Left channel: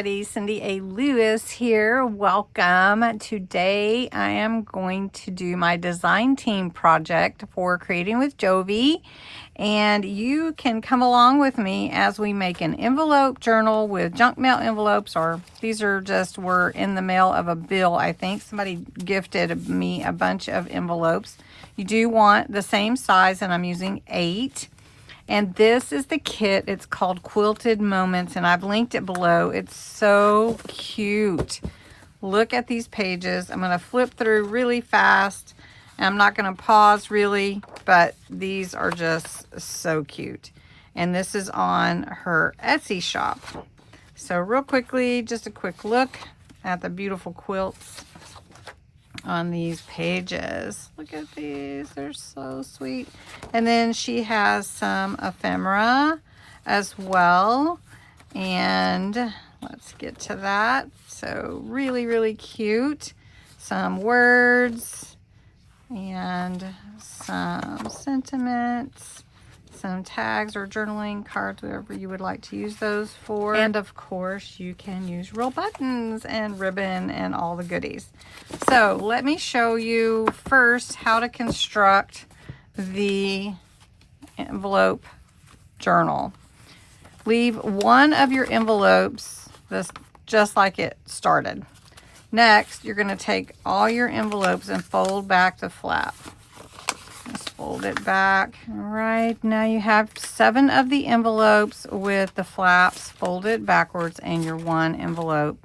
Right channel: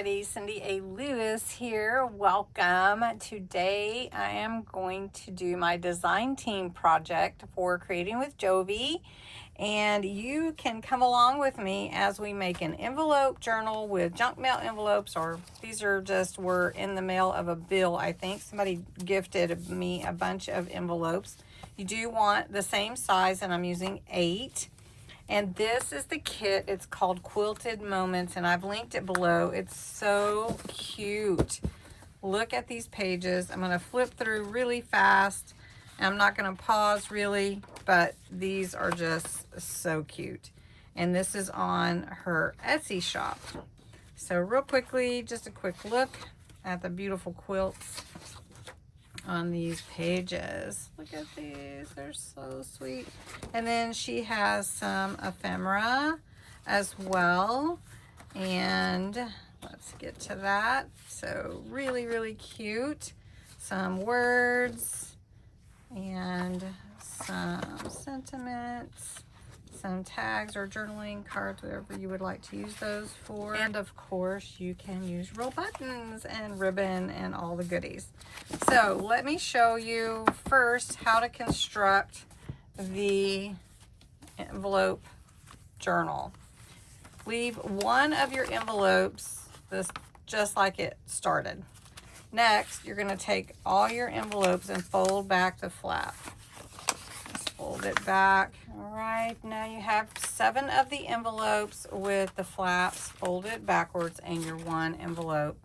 everybody, Cindy A. Lewis here. Welcome. Today I am going to do my design team project for Creating with Jovi, and you can come along with me as we make an envelope journal with junk mail envelopes, or these are just were in the mail of a bill. I think somebody gifted me a bunch of envelopes. You do want the same size, and I'm using 8. And this is the kit. It's called Quilted Moments, and I've linked it below. It's so cute. Look at these pages. I'm going to flip through really fast. And I'm not going to pause really, but these are just so cute. And this is on her Etsy shop. So real quickly, just a quick look at the beautiful quilts on these pages. Look at these, they're so sweet. And then she has some ephemera as well, and let's get to that. So really cute. Some words and some sentiments, some tags or journaling cards, whatever you would like to use those for. And of course you can use real buttons and ribbon and all the goodies. So let me show you first how to construct the envelope journal. Leave one of your envelopes just like it started. Next, you're going to take all your envelopes and fold back the flap. Just fold it back. All right, now you have 7 of the envelopes with the flaps folded backwards and your one envelope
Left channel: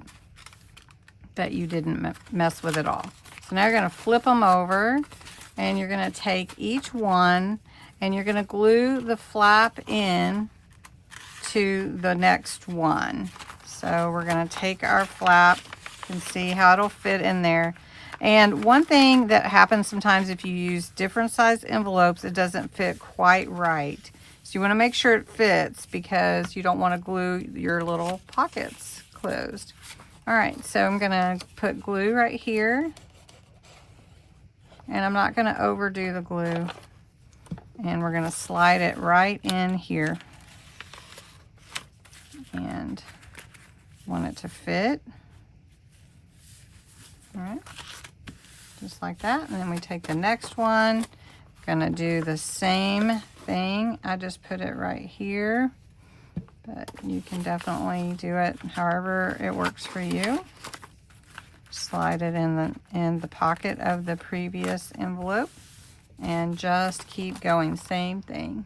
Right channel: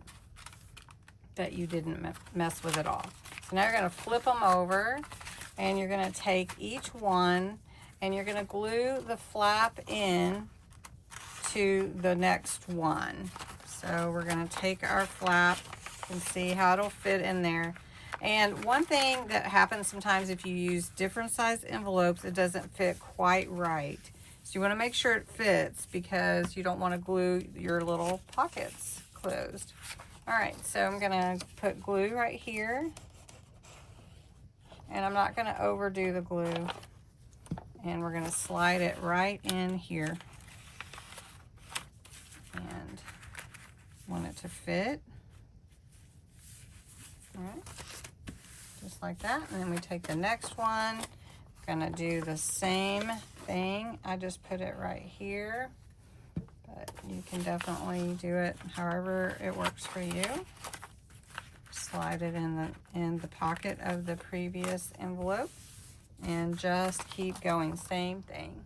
that you didn't mess with at all. So now you're going to flip them over, and you're going to take each one and you're going to glue the flap in to the next one. So we're going to take our flap and see how it'll fit in there. And one thing that happens sometimes if you use different size envelopes, it doesn't fit quite right. So you want to make sure it fits, because you don't want to glue your little pockets closed. All right, so I'm going to put glue right here, and I'm not going to overdo the glue. And we're going to slide it right in here, and want it to fit. All right, just like that. And then we take the next one. Gonna do the same thing. I just put it right here, but you can definitely do it however it works for you. Slide it in the pocket of the previous envelope, and just keep going. Same thing.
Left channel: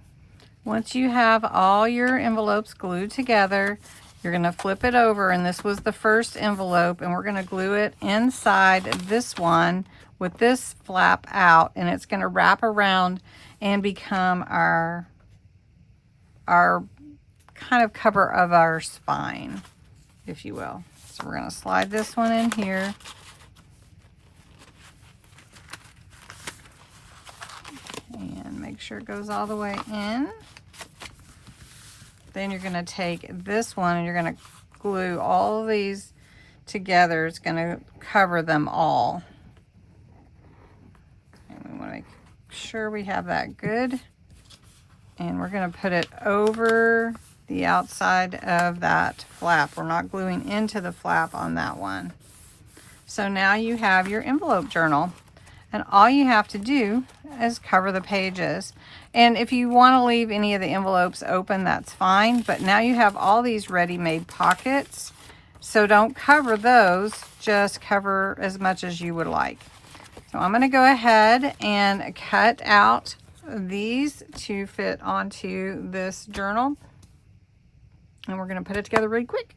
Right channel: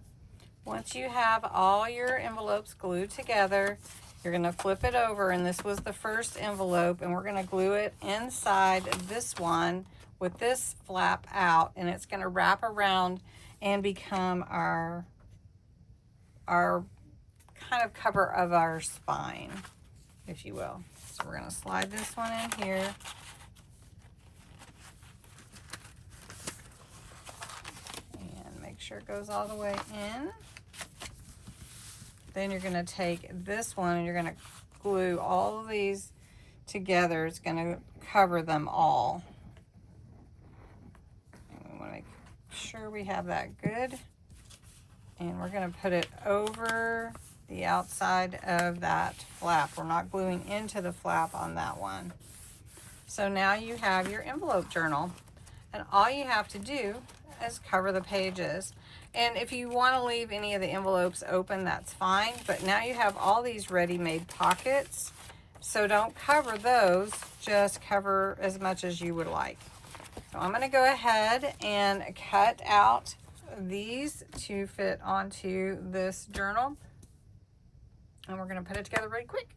Once you have all your envelopes glued together, you're going to flip it over, and this was the first envelope, and we're going to glue it inside this one with this flap out, and it's going to wrap around and become our kind of cover of our spine, if you will. So we're going to slide this one in here. And make sure it goes all the way in. Then you're going to take this one and you're going to glue all of these together. It's going to cover them all. And we want to make sure we have that good. And we're going to put it over the outside of that flap. We're not gluing into the flap on that one. So now you have your envelope journal. And all you have to do is cover the pages. And if you want to leave any of the envelopes open, that's fine. But now you have all these ready-made pockets. So don't cover those, just cover as much as you would like. So I'm going to go ahead and cut out these to fit onto this journal. And we're going to put it together really quick.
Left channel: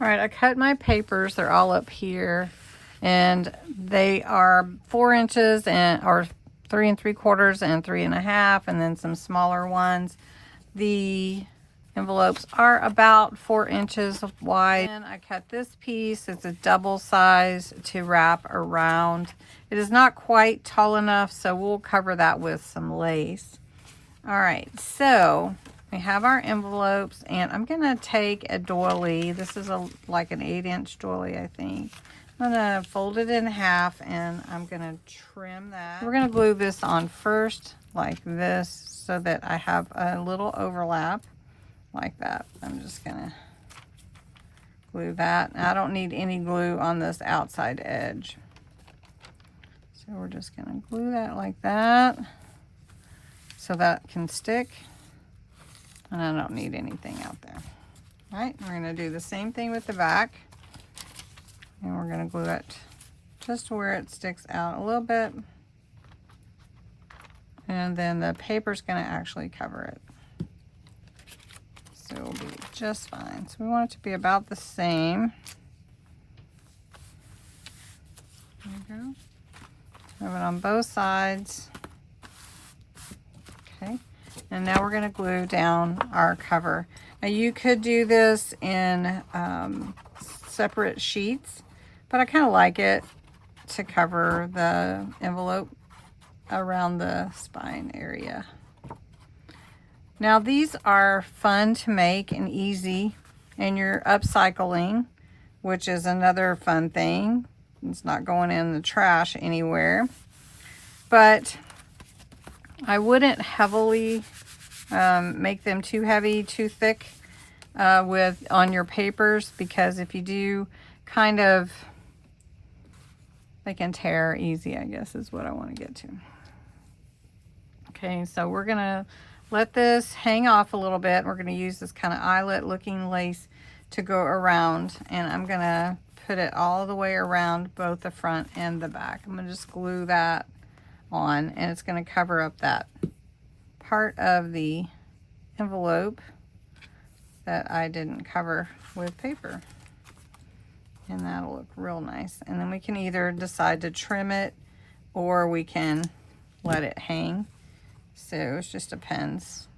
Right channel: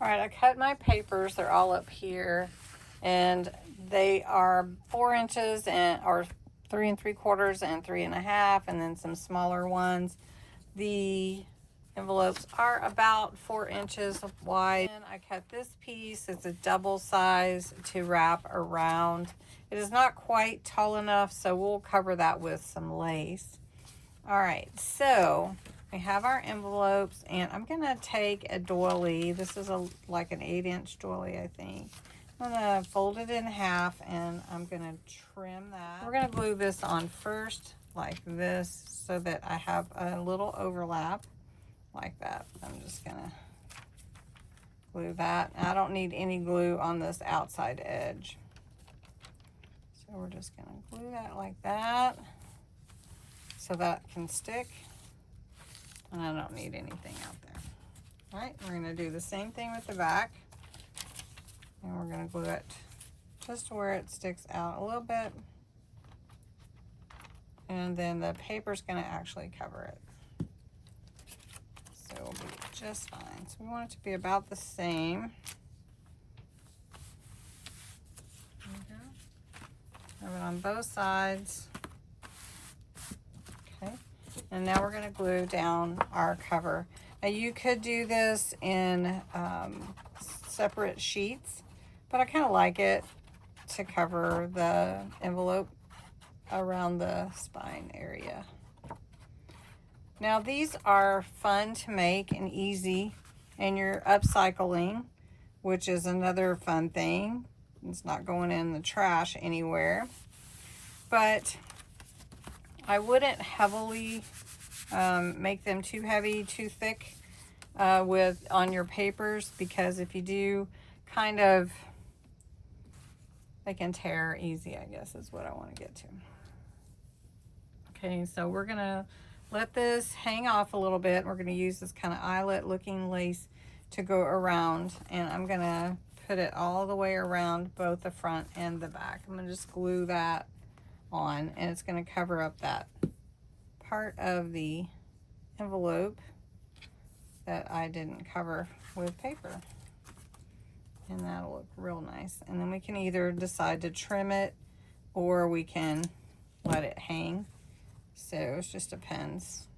All right, I cut my papers. They're all up here. And they are 4 inches or 3 3/4 and 3 1/2, and then some smaller ones. The envelopes are about 4 inches wide. And I cut this piece. It's a double size to wrap around. It is not quite tall enough, so we'll cover that with some lace. All right, so we have our envelopes, and I'm gonna take a doily. This is like an 8-inch doily, I think. I'm gonna fold it in half, and I'm gonna trim that. We're gonna glue this on first, like this, so that I have a little overlap, like that. I'm just gonna glue that. I don't need any glue on this outside edge. So we're just going to glue that like that so that can stick. And I don't need anything out there. All right, we're going to do the same thing with the back. And we're going to glue it just where it sticks out a little bit. And then the paper's going to actually cover it. So it'll be just fine. So we want it to be about the same. There we go. Have it on both sides. Okay. And now we're going to glue down our cover. Now you could do this in separate sheets, but I kind of like it to cover the envelope around the spine area. Now these are fun to make and easy, and you're upcycling, which is another fun thing. It's not going in the trash anywhere. But I wouldn't heavily make them too heavy, too thick on your papers, because if you do, kind of, they can tear easy, I guess is what I want to get to. Okay, so we're going to let this hang off a little bit. We're going to use this kind of eyelet looking lace to go around, and I'm going to put it all the way around both the front and the back. I'm going to just glue that on, and it's going to cover up that part of the envelope that I didn't cover with paper. And that'll look real nice. And then we can either decide to trim it or we can let it hang. So it just depends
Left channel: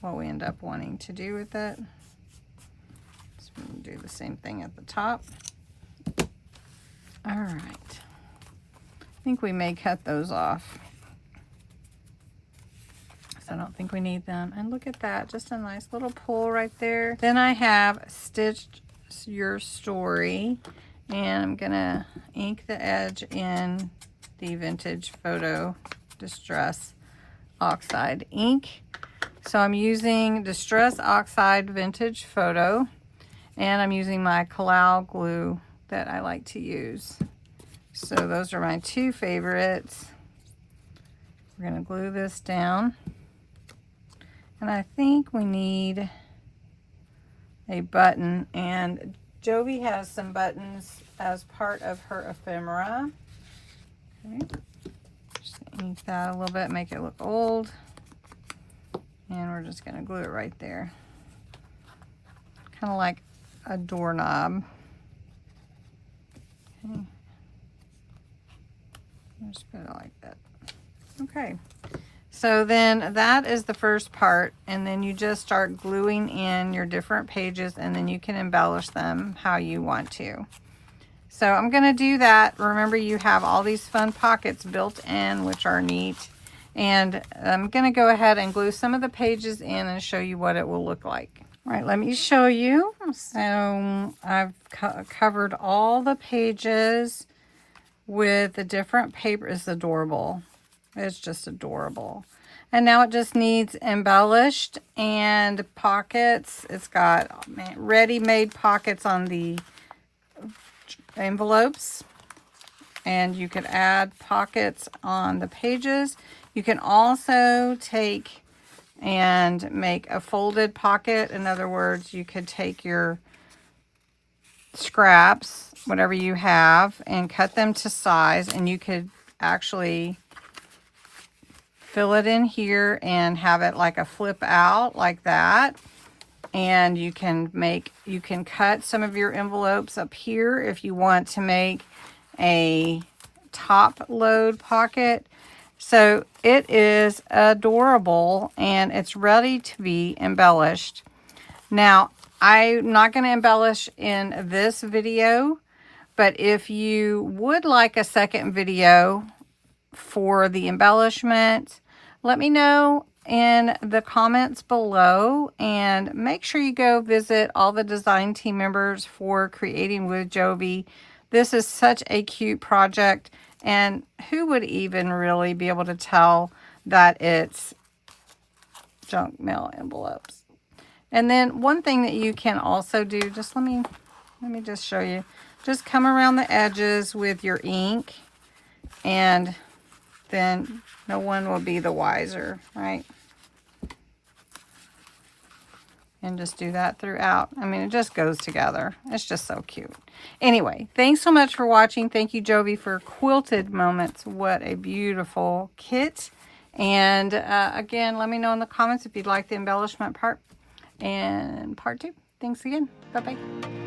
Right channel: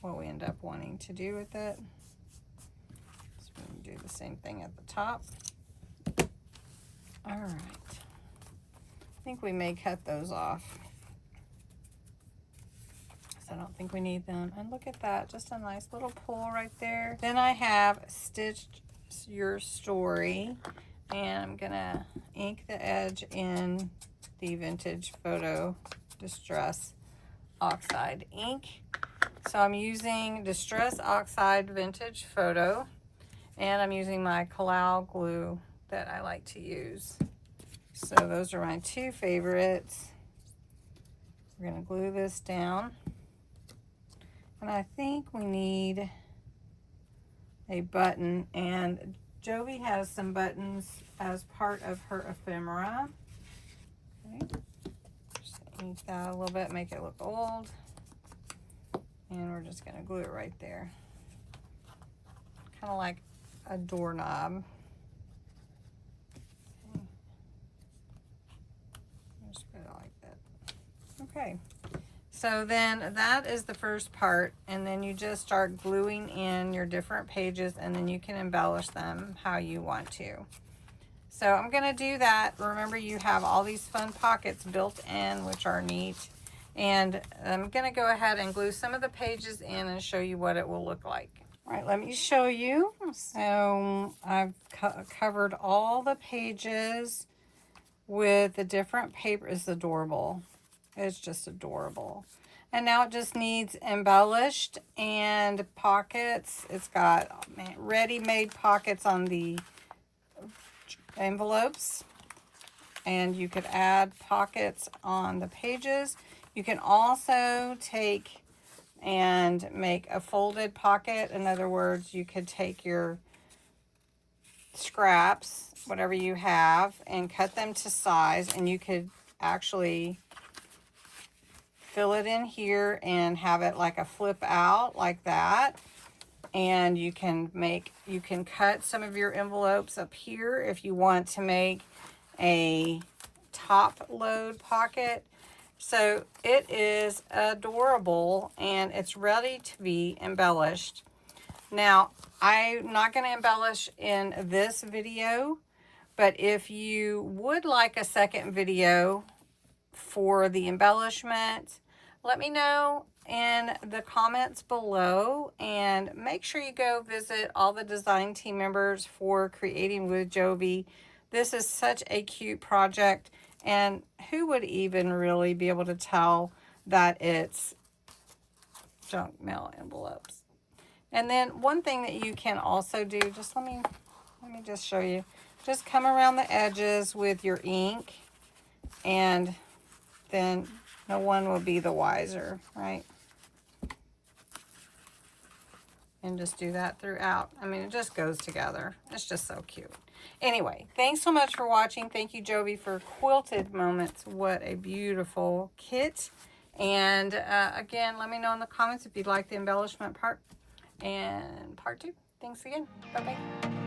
what we end up wanting to do with it. So we can do the same thing at the top. All right. I think we may cut those off. So I don't think we need them. And look at that, just a nice little pull right there. Then I have Stitched Your Story, and I'm gonna ink the edge in the Vintage Photo Distress Oxide ink. So I'm using Distress Oxide Vintage Photo, and I'm using my Kalau glue that I like to use. So those are my two favorites. We're gonna glue this down, and I think we need a button, and Jovi has some buttons as part of her ephemera. Okay. Just ink that a little bit, make it look old, and we're just gonna glue it right there, kind of like a doorknob. Okay. Just put it like that. Okay. So then that is the first part, and then you just start gluing in your different pages, and then you can embellish them how you want to. So I'm going to do that. Remember, you have all these fun pockets built in, which are neat. And I'm going to go ahead and glue some of the pages in and show you what it will look like. All right, let me show you. So I've covered all the pages with the different paper. It's adorable. It's just adorable. And now it just needs embellished and pockets. It's got ready-made pockets on the envelopes, and you could add pockets on the pages. You can also take and make a folded pocket. In other words, you could take your scraps, whatever you have, and cut them to size, and you could actually fill it in here and have it like a flip out like that. And you can cut some of your envelopes up here if you want to make a top load pocket. So it is adorable, and it's ready to be embellished. Now, I'm not going to embellish in this video, but if you would like a second video for the embellishment, let me know in the comments below, and make sure you go visit all the design team members for Creating with Jovi. This is such a cute project, and who would even really be able to tell that it's junk mail envelopes? And then one thing that you can also do, just let me let me just show you. Just come around the edges with your ink, and then no one will be the wiser, right? And just do that throughout. I mean, it just goes together. It's just so cute. Anyway, thanks so much for watching. Thank you, Jovi, for Quilted Moments. What a beautiful kit. And again, let me know in the comments if you'd like the embellishment part and part 2. Thanks again. Bye-bye.